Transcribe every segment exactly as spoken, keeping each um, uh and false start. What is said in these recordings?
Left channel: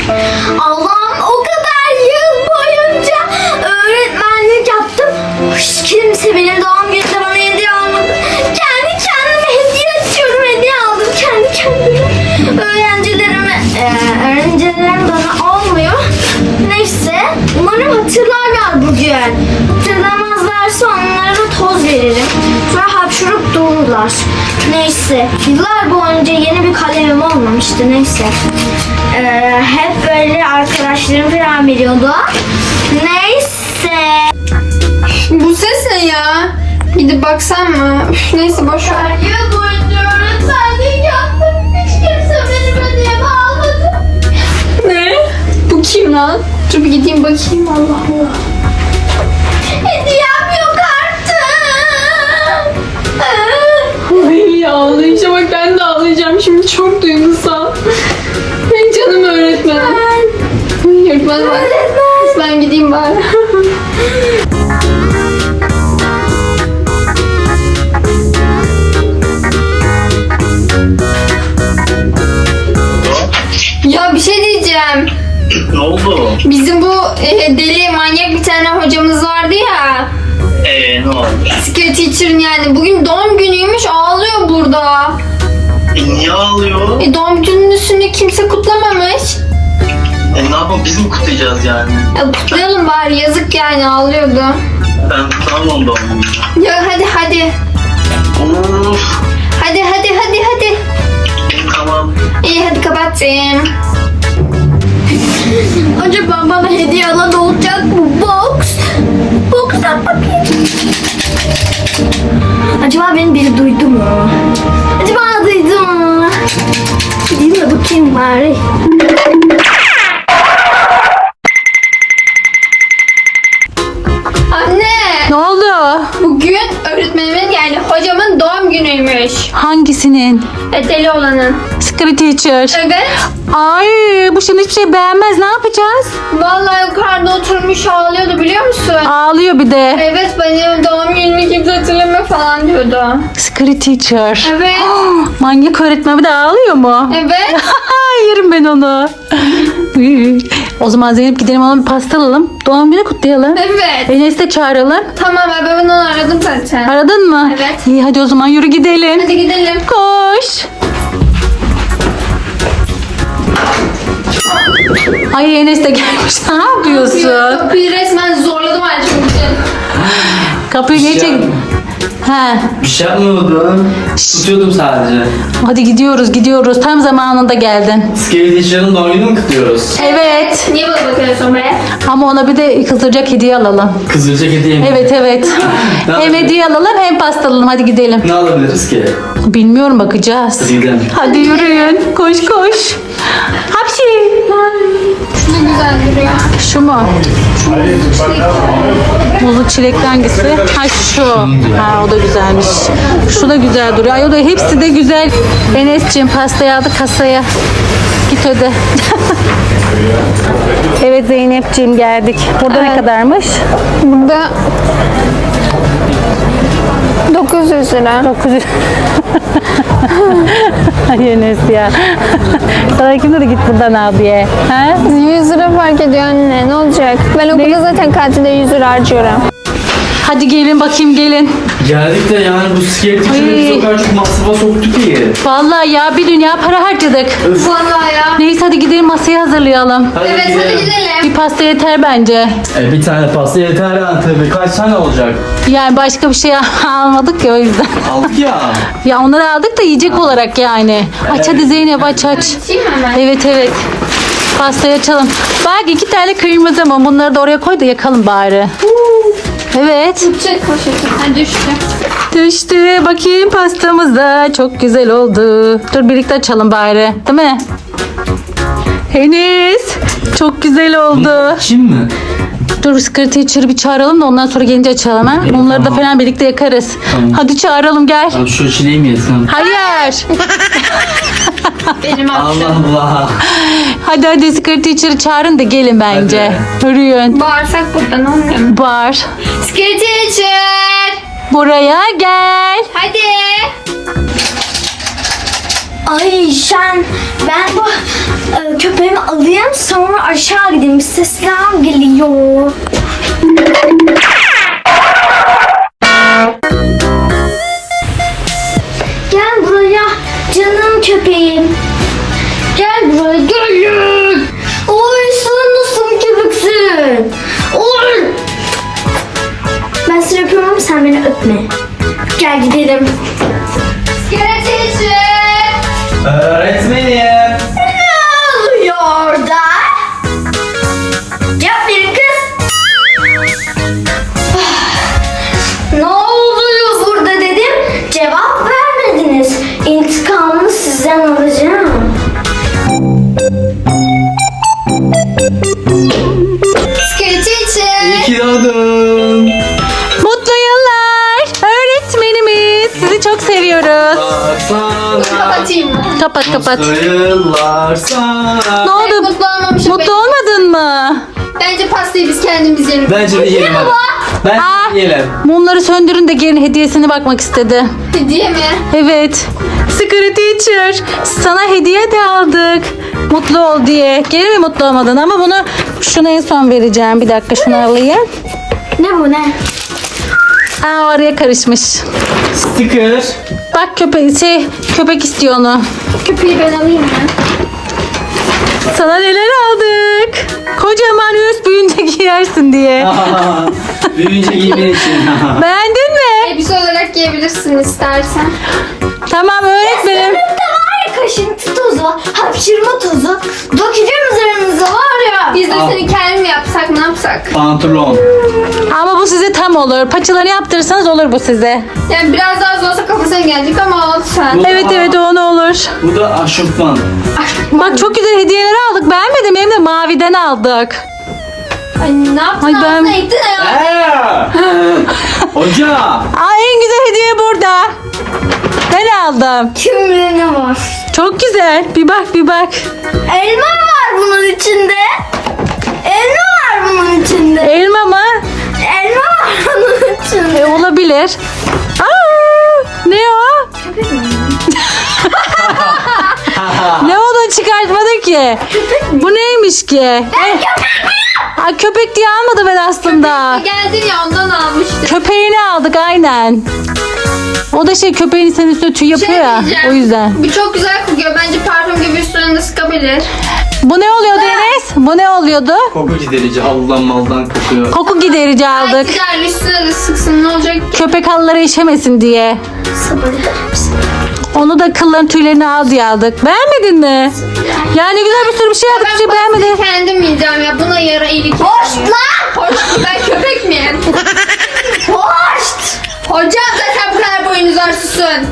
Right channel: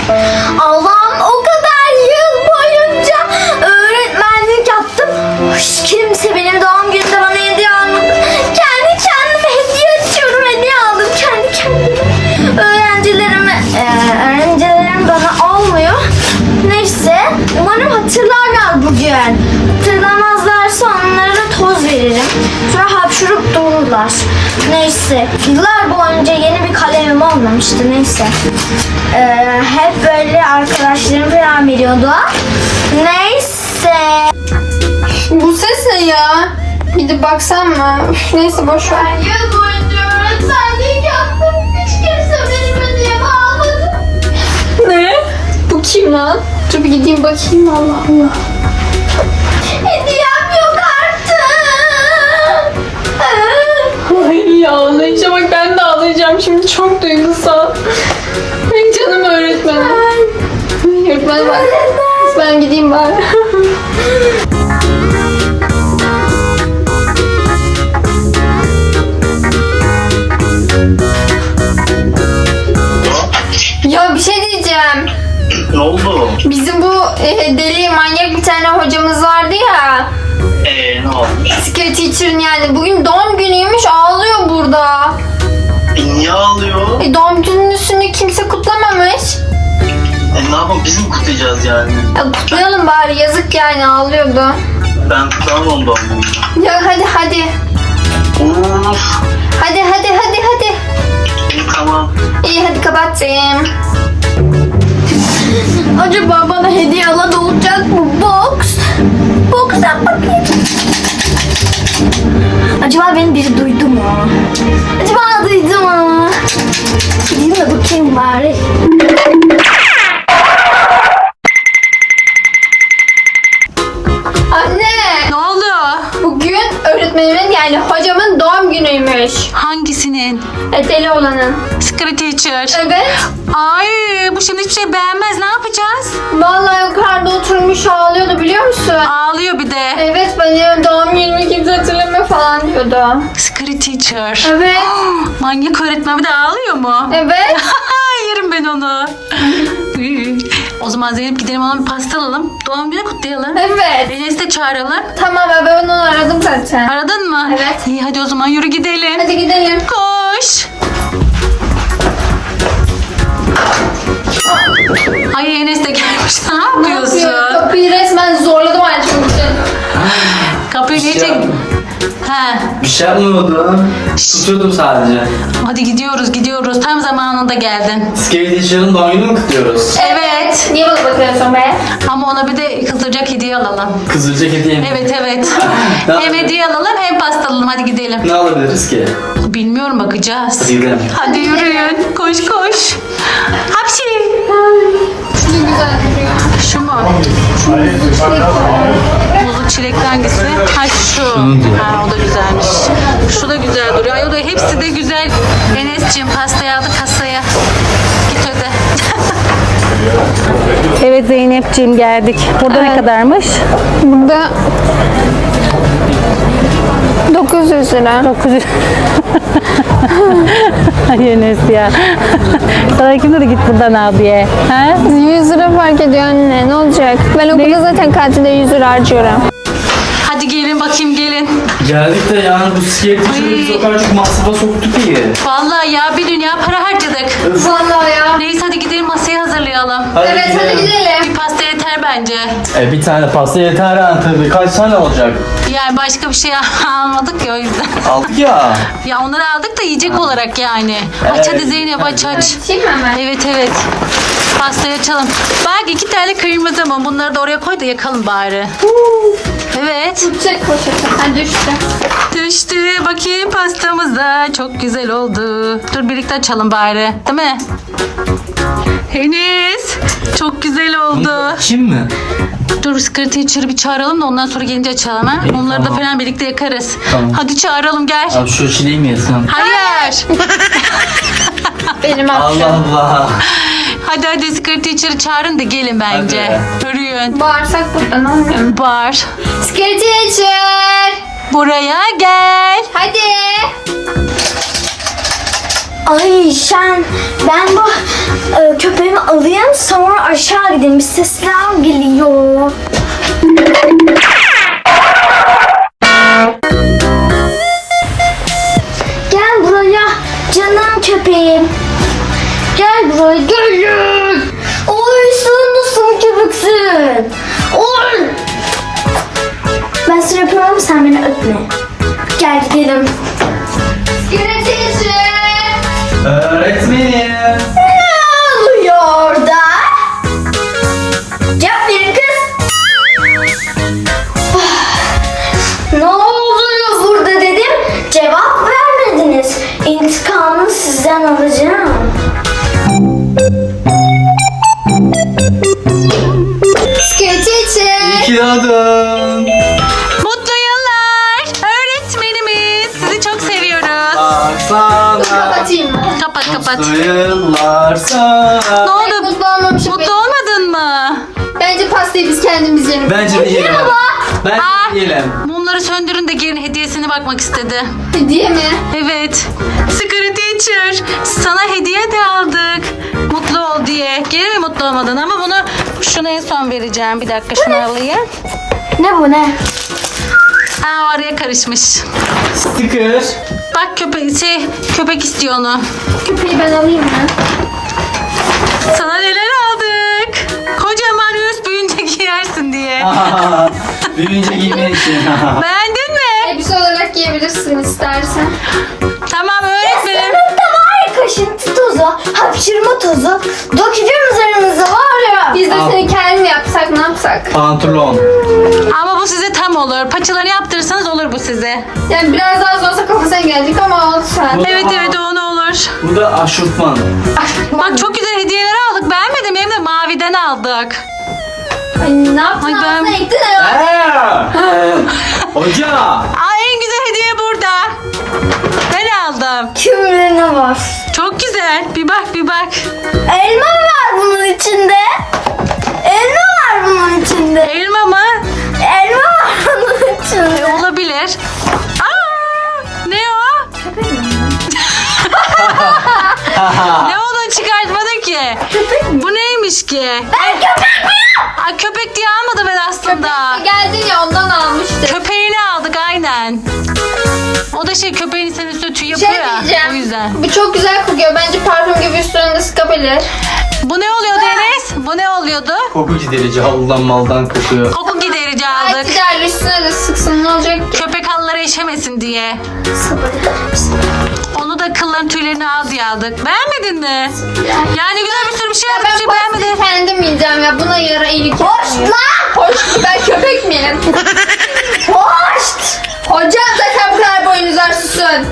Allah'ım, o kadar yıl boyunca öğretmenlik yaptım. Hiç kimse benim doğum günümde bana hediye almadı. Kendi kendime hediye açıyorum, hediye aldım kendi kendime. Öğrencilerime, e, öğrencilerim bana almıyor. Neyse, umarım hatırlarlar bugün. Hatırlamazlarsa onlara toz veririm. Sonra hapşurup dururlar. Neyse, yıllar boyunca yeni bir kalemim olmamıştı. Neyse, ee, hep böyle arkadaşlarım falan veriyordu. Neyse. Bu ses ne ya? Gidip baksam mı? Üf, neyse boş ver. Yıl boyunca öğretmenlik yaptım. Hiç kimse benim hediyemi almadı. Ne? Bu kim lan? Dur bir gideyim bakayım. Allah Allah. Hediyem yok artık. Ay ağlayacağım. Bak ben de ağlayacağım. Şimdi çok duygusal. Ay canım öğretmenim. Ay öğretmenim bak. Ben gideyim bari. Ya bir şey diyeceğim. Ne oldu? Bizim bu e, deli manyak bir tane hocamız vardı ya. Eee ne olmuş? Secret teacher'ın yani. Bugün doğum günüymüş, ağlıyor burada. E niye ağlıyor? E, doğum gününü kimse kutlamamış. E ne yapalım, biz mi kutlayacağız yani? Ya, kutlayalım bari, yazık yani, ağlıyordu. Ben kutlamam doğum günü. Ya hadi hadi. Of. Hadi hadi hadi hadi. İyi tamam. İyi hadi kapattım. Acaba bana hediye alan olacak mı? Box. Box'tan bakayım. Acaba beni biri duydu mu? Acaba duydu mu? Gideyim de bakayım bari. Anne. Ne oldu? Bugün öğretmenimin yani hocamın doğum günüymüş. Hangisinin? E, deli olanın. Secret teacher. Evet. Ay bu şimdi hiçbir şey beğenmez. Ne yapacağız? Vallahi yukarıda oturmuş ağlıyordu, biliyor musun? Ağlıyor bir de. Evet, benim doğum günümü kimse hatırlamıyor falan diyordu. Secret teacher. Evet. Manyak öğretmen bir de ağlıyor mu? Evet. Yerim ben onu. O zaman Zeynep gidelim, ona bir pasta alalım. Doğum günü kutlayalım. Evet. Enes'i de çağıralım. Tamam, ben onu aradım zaten. Aradın mı? Evet. İyi hadi o zaman yürü gidelim. Hadi gidelim. Koş. Ay Enes de gelmiş. Ne yapıyorsun? Kapıyı resmen zorladım ayrıca bugün. Kapıyı ne çek? He. Bir şey yapmıyordum. Tutuyordum sadece. Hadi gidiyoruz gidiyoruz. Tam zamanında geldin. Scary Teacher'ın doğum gününü mü kutluyoruz? Evet. Niye bana bakıyorsun be? Ama ona bir de kızılacak hediye alalım. Kızılcık hediye mi? Evet evet. Ne Hem yapayım? hediye alalım hem pasta alalım. Hadi gidelim. Ne alabiliriz ki? Bilmiyorum, bakacağız. Gidelim. Hadi yürüyün. Koş koş. Hapsi. Ne güzel duruyor. Şu mu? Muzlu çilekli hangisi? Ha şu. Ha o da güzelmiş. Şu da güzel duruyor. Ay o da hepsi de güzel. Enes'ciğim pastayı aldı kasaya. Git öde. Evet Zeynep'ciğim geldik. Burada ne kadarmış? Burada dokuz yüz lira. dokuz yüz. Ay Enes ya. Sana kim dedi git buradan al diye. Ha? yüz lira fark ediyor anne. Ne olacak? Ben okulda zaten katilde yüz lira harcıyorum. Hadi gelin bakayım gelin. Geldik de yani bu Scary Teacher'ı Ay. biz o kadar çok masrafa soktuk ki. Vallahi ya bir dünya para harcadık. Vallahi ya. Neyse hadi gidelim, masayı hazırlayalım. Hadi Evet, gidelim. hadi gidelim. Bir pasta yeter bence. E, bir tane pasta yeter yani tabii. Kaç tane olacak? Yani başka bir şey almadık ya o yüzden. Aldık ya. Ya onları aldık da yiyecek olarak yani. Aç hadi Zeynep aç aç. Açayım hemen. Evet evet. Pastayı açalım. Bak iki tane kırmızı mum. Bunları da oraya koy da yakalım bari. Evet. Çek poşeti. Ha, düştü. Düştü. Bakayım pastamız da çok güzel oldu. Dur birlikte açalım bari. Değil mi? Enes. Çok güzel oldu. Şimdi. Dur Secret Teacher'ı bir çağıralım da ondan sonra gelince açalım ha. Mumları da tamam. falan birlikte yakarız. Tamam. Hadi çağıralım gel. Abi şu çileği mi yesem? Hayır. Benim Allah Allah. Hadi hadi Secret Teacher'ı çağırın da gelin bence. Yürüyün. bağırsak buradan olmuyor mu? Var. Secret teacher. Buraya gel. Hadi. Ay Şen, ben bu e, köpeğimi alayım sonra aşağı gideyim. Bir sesler geliyor. Gel buraya canım köpeğim. Gel buraya gel. Oy sen nasıl köpeksin? Oy. Ben seni öpüyorum ama sen beni öpme. Gel gidelim. Görüşürüz. Öğretmenim. Ne oluyor orada? Cevap verin kız. Ne oluyor burada dedim. Cevap vermediniz. İntikamını sizden alacağım. İyi ki doğdun. Mutlu yıllar. Öğretmenimiz. Sizi çok seviyoruz. Sana. Kapatayım mı? Kapat kapat. Mutlu yıllar sana. Ne oldu? Mutlu olmamışım. Mutlu olmadın mı? Bence pastayı biz kendimiz yiyelim. Bence de yiyelim hadi. Bence Aa, de yiyelim. mumları söndürün de gelin hediyesine bakmak istedi. Hediye mi? Evet. Secret Teacher. Sana hediye de aldık. Mutlu ol diye. Gene mi mutlu olmadın ama bunu şuna en son vereceğim. Bir dakika şunu alayım. Ne bu ne? Aa, araya karışmış. Sticker. Bak köpek şey köpek istiyor onu. Köpeği ben alayım mı? Sana neler aldık? Kocaman üst büyüyünce giyersin diye. Büyüyünce giymen için. Beğendin mi? Elbise olarak giyebilirsin istersen. Tamam öğretmenim. Sınıfta var ya kaşıntı tozu, hapşırma tozu. Dökeceğim üzerinize var ya. Biz de Al. seni kendim yapsak ne yapsak? Pantolon. Ama bu size tam olur. Paçalarını yaptırırsanız olur bu size. Yani biraz daha az olsa kafasına gelecek ama olsun. Evet evet o ne olur. Bu da aşırtman. Bak çok güzel hediyeler aldık. Beğenmedim hem de maviden aldık. Ay ne yaptın? Ay, ben- Ağzına ettin herhalde. Hoca. Aa, en güzel hediye burada. Ben aldım. Kim bilir ne var? Çok güzel. Bir bak bir bak. Elma mı var bunun içinde? Elma var bunun içinde. Elma mı? Elma var bunun içinde. E, olabilir. Aa, ne o? Ne onu çıkartmadı ki? Bu neymiş ki? Ben köpek Ay, köpek diye almadım ben aslında. Geldin ya ondan almıştım. Köpeğini aldık aynen. O da şey köpeğin senin üstüne tüy yapıyor ya. Şey diyeceğim. O yüzden. Bu çok güzel kokuyor. Bence parfüm gibi üstüne de sıkabilir. Bu ne oluyordu Enes? Bu ne oluyordu? Koku giderici haldan maldan kokuyor. Koku giderici aldık. Güzel üstüne de sıksın ne olacak? Köpek halılara işemesin diye. Onu da kılların tüylerini al diye aldık. Beğenmedin mi? Yani güzel bir sürü bir şey aldık. Bir şey beğenmedin. Kendim yiyeceğim ya. Buna yara iyilik. Hoş lan! Hoş. Ben köpek miyim? Hoş! Hocam zaten bu kadar boyun uzarsın.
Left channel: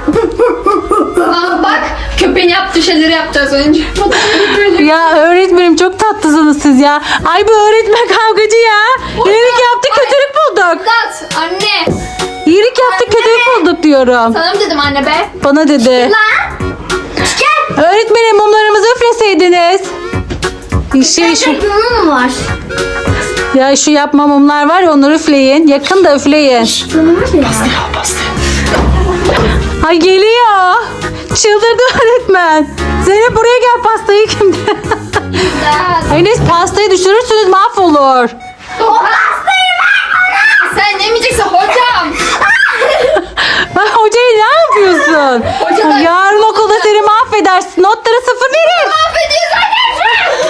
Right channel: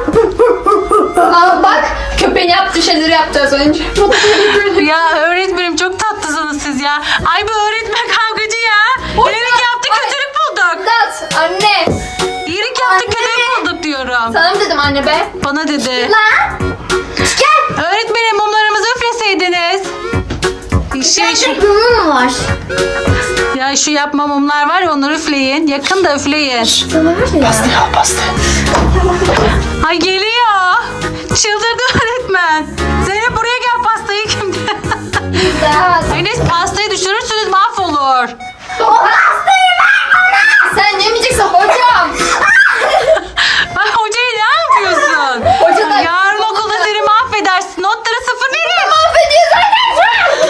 Aa, bak köpeğin yaptığı şeyleri yaptı az önce. Ya öğretmenim çok tatlısınız siz ya. Ay bu öğretmen kavgacı ya. İyilik yaptı kötülük bulduk. Dat anne. İyilik yaptı kötülük bulduk diyorum. Sana mı dedim anne be? Bana dedi. Lan! Gel! Öğretmenim mumlarımızı üfleseydiniz. Şey, şu, Bunun mu var? ya şu yapma mumlar var ya onları üfleyin. Yakın da üfleyin. Ay geliyor. Çıldırdı öğretmen. Zeynep buraya gel pastayı kimdi? Dat. Enes pastayı düşürürsünüz mahvolur. Sen yemeyeceksin hocam. Bak hocayı ne yapıyorsun? Hoca da- Yarın okulda seni mahvedersin. Notları sıfır verir. Mahvediyor zaten.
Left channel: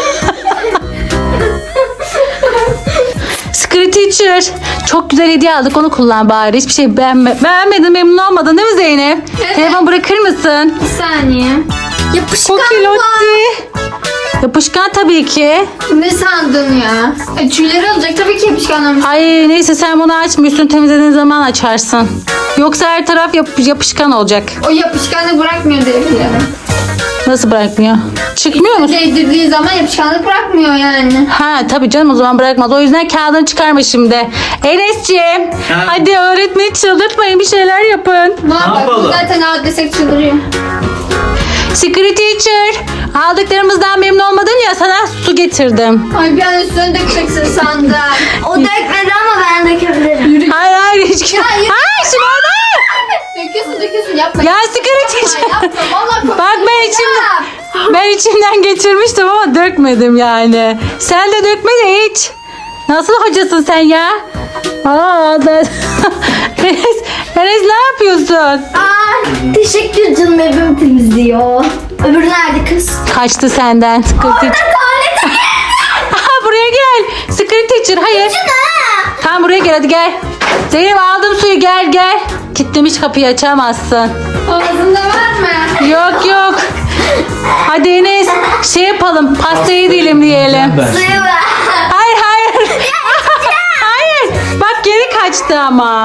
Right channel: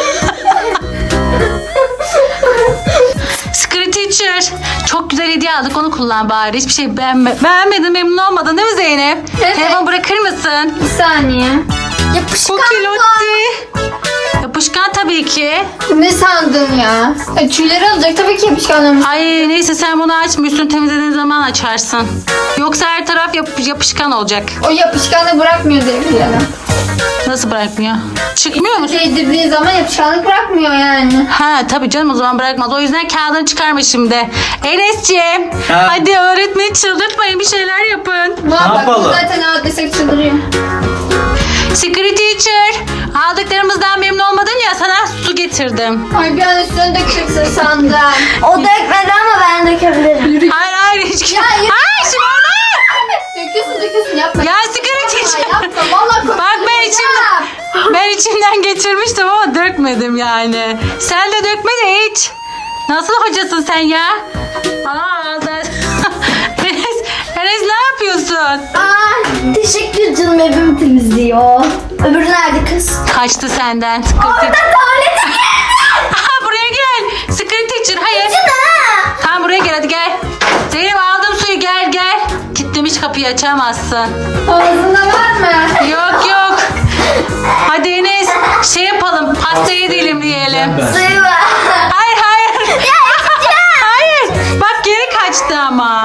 Secret Teacher. Çok güzel hediye aldık onu kullan bari. Hiçbir şey beğenme beğenmedin memnun olmadın değil mi Zeynep? Evet. Telefon bırakır mısın? Bir saniye. Yapışkan mı? Kokilotti. Yapışkan tabii ki. Ne sandın ya? Ay, tüyleri alacak tabii ki yapışkanlarım. Ay neyse sen bunu açmıyorsun temizlediğin zaman açarsın. Yoksa her taraf yap- yapışkan olacak. O yapışkanlık bırakmıyor diye biliyorum. Nasıl bırakmıyor? Çıkmıyor mu? Değdirdiği zaman yapışkanlık bırakmıyor yani. Ha tabii canım o zaman bırakmaz. O yüzden kağıdını çıkarma şimdi. Enes'ciğim Ha. hadi öğretmeni çıldırtmayın bir şeyler yapın. Ne yapalım? yapalım? Zaten ağır desek çıldırıyor. Secret Teacher aldıklarımızdan memnun olmadın ya sana su getirdim. Ay bir an üstüne dökeceksin sandım. O dökmedi ama ben dökebilirim. Hayır hayır hiç. hayır. Hayır şimdi olmaz. Döküyorsun döküyorsun yapma. Ya Secret Teacher Yapma valla komik. Bak ben içimden, ben içimden geçirmiştim ama dökmedim yani. Sen de dökme de iç. Nasıl hocasın sen ya? Aa, ben... Enes, Enes ne yapıyorsun? Aa, teşekkür canım evimi temizliyor. Öbürü nerede kız? Kaçtı senden. Sıkıntı. Tuvalete Aha, buraya gel. Secret teacher hayır. gitsin ha. Tamam buraya gel hadi gel. Zeynep aldım suyu gel gel. Kilitlemiş kapıyı açamazsın. Ağzında var mı? Yok yok. Hadi Enes şey yapalım pastayı dilimleyelim. Suyu var. Hayır hayır. Hayır. Bak geri kaçtı ama.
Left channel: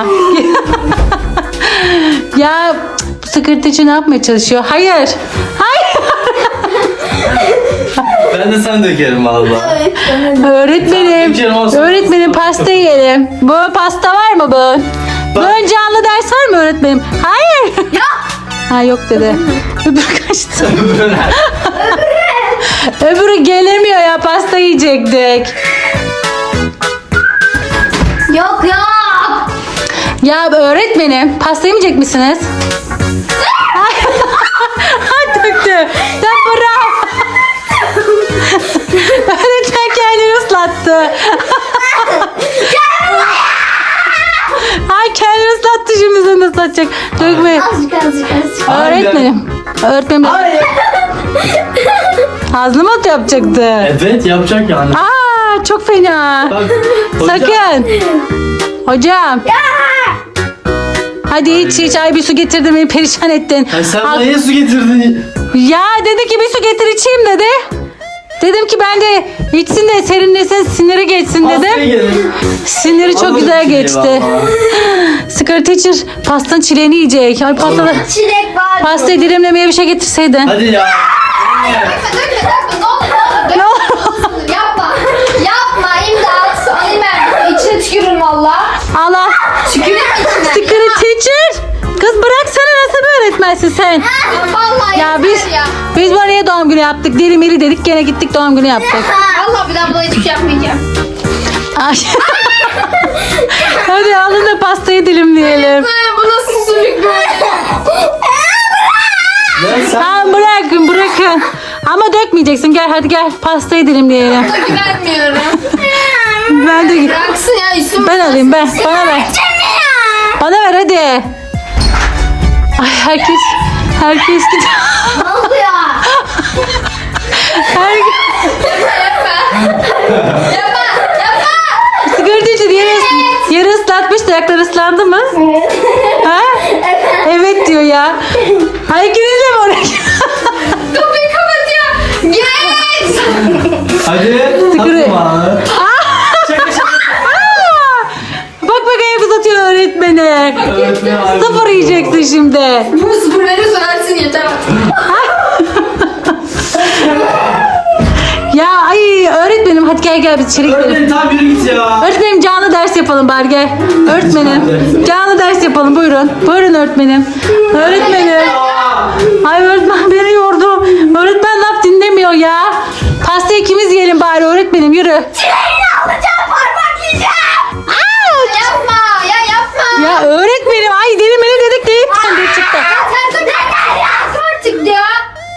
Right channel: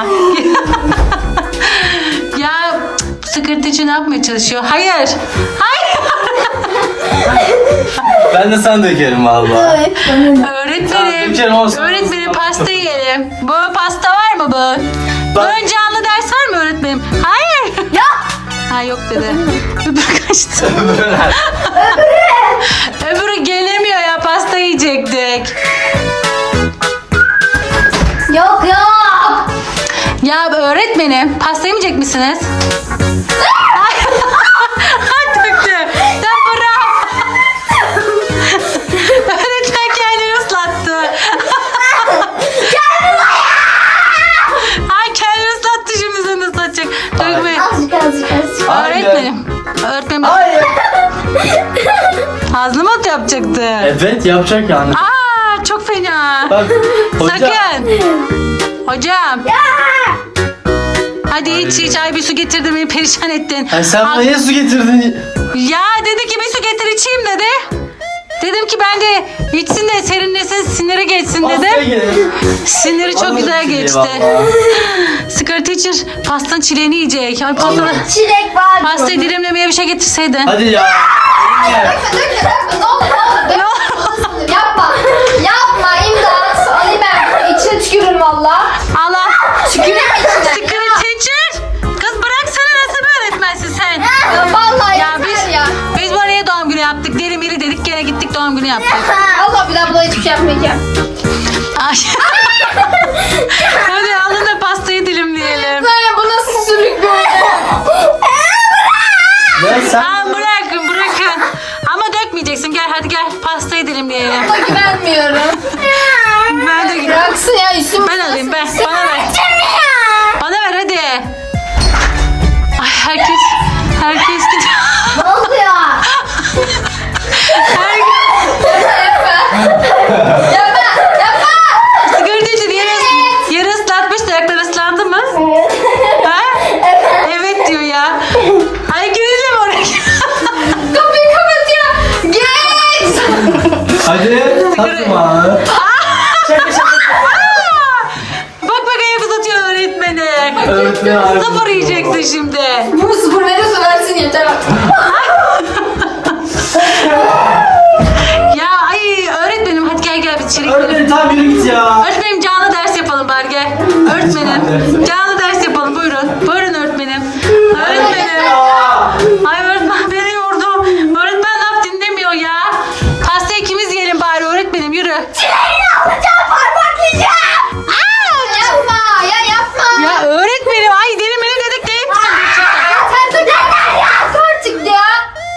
Ya bu sekreterci ne yapmaya çalışıyor? Hayır. Hayır. Ben de sana dökerim valla. Öğretmenim. Öğretmenim pasta yiyelim. Bu pasta var mı bu? Bu ön canlı ders var mı öğretmenim? Hayır. Yok. Ha yok dedi. Öbürü kaçtı. Öbürü gelemiyor ya pasta yiyecektik. Yok yok. Ya öğretmenim pasta yemeyecek misiniz? Ha döktü. Ya bravo. Öğretmen kendini ıslattı. Ay kendini ıslattı şimdi seni de ıslatacak. Dökme. Azıcık azıcık azıcık. Öğretmenim. Öğretmenim. Hayır. Ağzını mı yapacaktı? Evet yapacak yani. Aa çok fena. Bak, hocam. Sakın. Hocam. Hadi iç iç. Ay bir su getirdim beni perişan ettin. Ay sen Al- bana niye su getirdin? Ya dedi ki bir su getir içeyim dedi. Dedim ki ben de içsin de serinlesin siniri geçsin Pastaya dedim. gelin. Siniri çok Alırım güzel çileği geçti. vallahi. Sigara teacher pastanın çileğini yiyecek. Ay pasta, Çilek var. pastayı dilimlemeye bir şey getirseydin. Hadi ya. Ne olur ne olur. Yapma. Yapma imdat. Alayım ben. İçine tükürürüm valla. Allah. Tüküreyim içine. Sigara teacher. Kız bıraksana nasıl bir öğretmensin sen? Ya Vallahi Ya biz ya. biz var ya doğum günü yaptık. Deli mili dedik gene gittik doğum günü yaptık. Valla bir daha buna hiçbir şey yapmayacağım. Ay. Hadi alın da pastayı dilimleyelim. Bu nasıl sürük bu? Ya sen Tamam bırakın bırakın. Ama dökmeyeceksin. Gel hadi gel pastayı dilimleyelim. Güvenmiyorum. Ben de Bıraksın ya üstüme. ben alayım ben. Bana ver. Bana ver hadi. Ay herkes herkes gidiyor. Ne oluyor? Her sigara için yere, yere ıslatmış da ayakları ıslandı mı? Ha? Evet diyor ya. Ay ikiniz de mi oraya? Kapıyı kapat ya. Geç. hadi. Atma. Bak bak ayak uzatıyor öğretmeni. Öğretmen abi. Sıfır yiyeceksin şimdi. Bu sıfır veriyorsa versin yeter. Ya ay öğretmenim hadi gel gel bir içeri gidelim. Öğretmenim tam yürü git ya. Öğretmenim canlı ders yapalım bari gel. Öğretmenim canlı ders yapalım buyurun. Buyurun öğretmenim. Öğretmenim. Ay öğretmen beni yordu. Öğretmen laf dinlemiyor ya. Pastayı ikimiz yiyelim bari öğretmenim yürü. Çileğini alacağım parmaklayacağım. Aa, yapma ya yapma. Ya öğretmenim ay deli meni dedik deyip de çıktı. Sen dur yeter ya artık ya.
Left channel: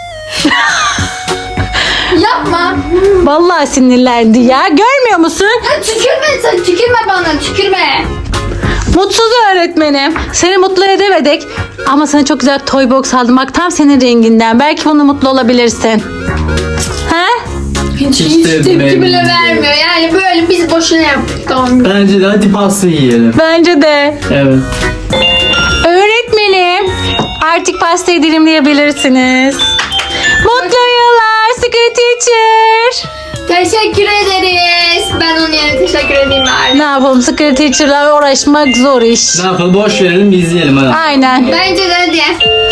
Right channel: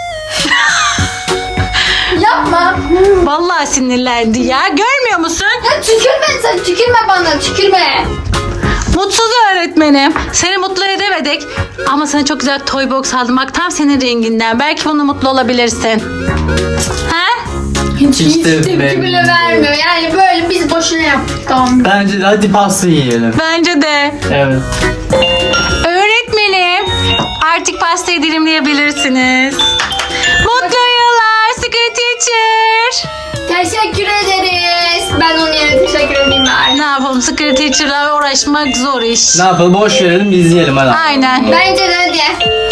Yapma. Vallahi sinirlendi ya görmüyor musun? Ya tükürme sen tükürme bana tükürme. Mutsuz öğretmenim. Seni mutlu edemedik. Ama sana çok güzel toy box aldım. Bak tam senin renginden. Belki bunu mutlu olabilirsin. Ha? Hiç, Hiç hiç de tepki beğenmedim. bile vermiyor. Yani böyle biz boşuna yaptık doğum günü. Bence de hadi pasta yiyelim. Bence de. Evet. Öğretmenim. Artık pastayı dilimleyebilirsiniz. Mutlu yıllar Secret Teacher. Teşekkür ederiz. Ben onun yerine teşekkür edeyim bari. Ne yapalım Secret Teacher'la uğraşmak zor iş. Ne yapalım boş verelim biz yiyelim hadi. Aynen. Bence de hadi.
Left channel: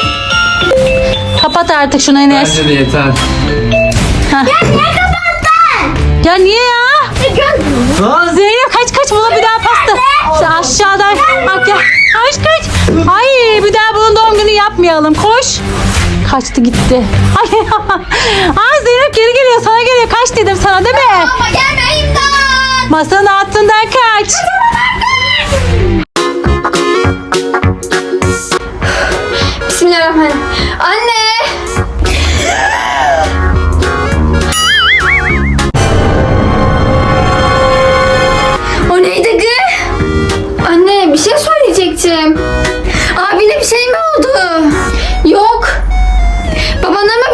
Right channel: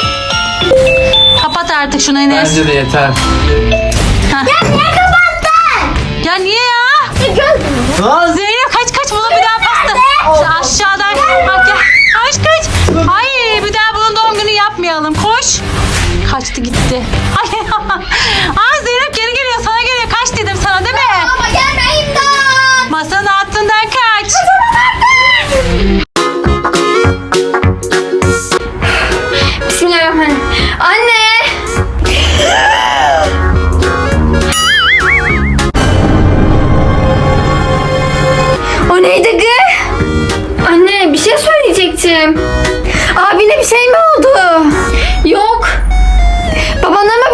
Kapat artık şunu Enes. Bence de yeter. Niye kapattın? Ya niye ya? Lan Zeynep kaç kaç buna bir daha pasta. İşte aşağıdan. Bak gel. Kaç kaç. Hayır bir daha bunun doğum günü yapmayalım. Koş. Kaçtı gitti. Ay, Aa, Zeynep geri geliyor sana geliyor. Kaç dedim sana değil mi? Ama gelme imdat. Masanın altından kaç. Bismillahirrahmanirrahim. Anne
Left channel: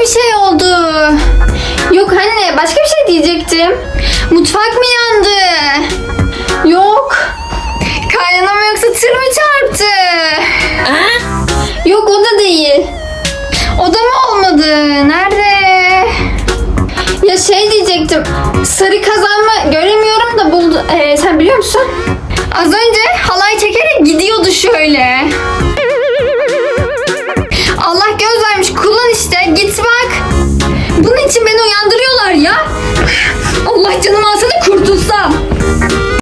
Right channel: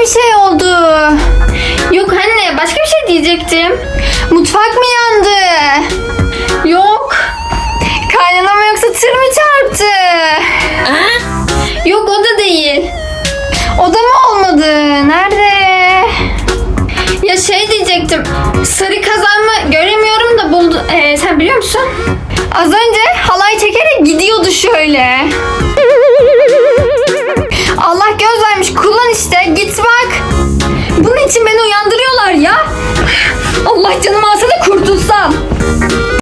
bir şey oldu. Yok anne, başka bir şey diyecektim. Mutfak mı yandı? Yok. Kaynana mı yoksa tır mı çarptı? Yok, o da değil. O da mı olmadı? Nerede? Ya şey diyecektim. Sarı kazan mı göremiyorum da buldu. Ee, sen biliyor musun? Az önce halay çekerek gidiyordu şöyle.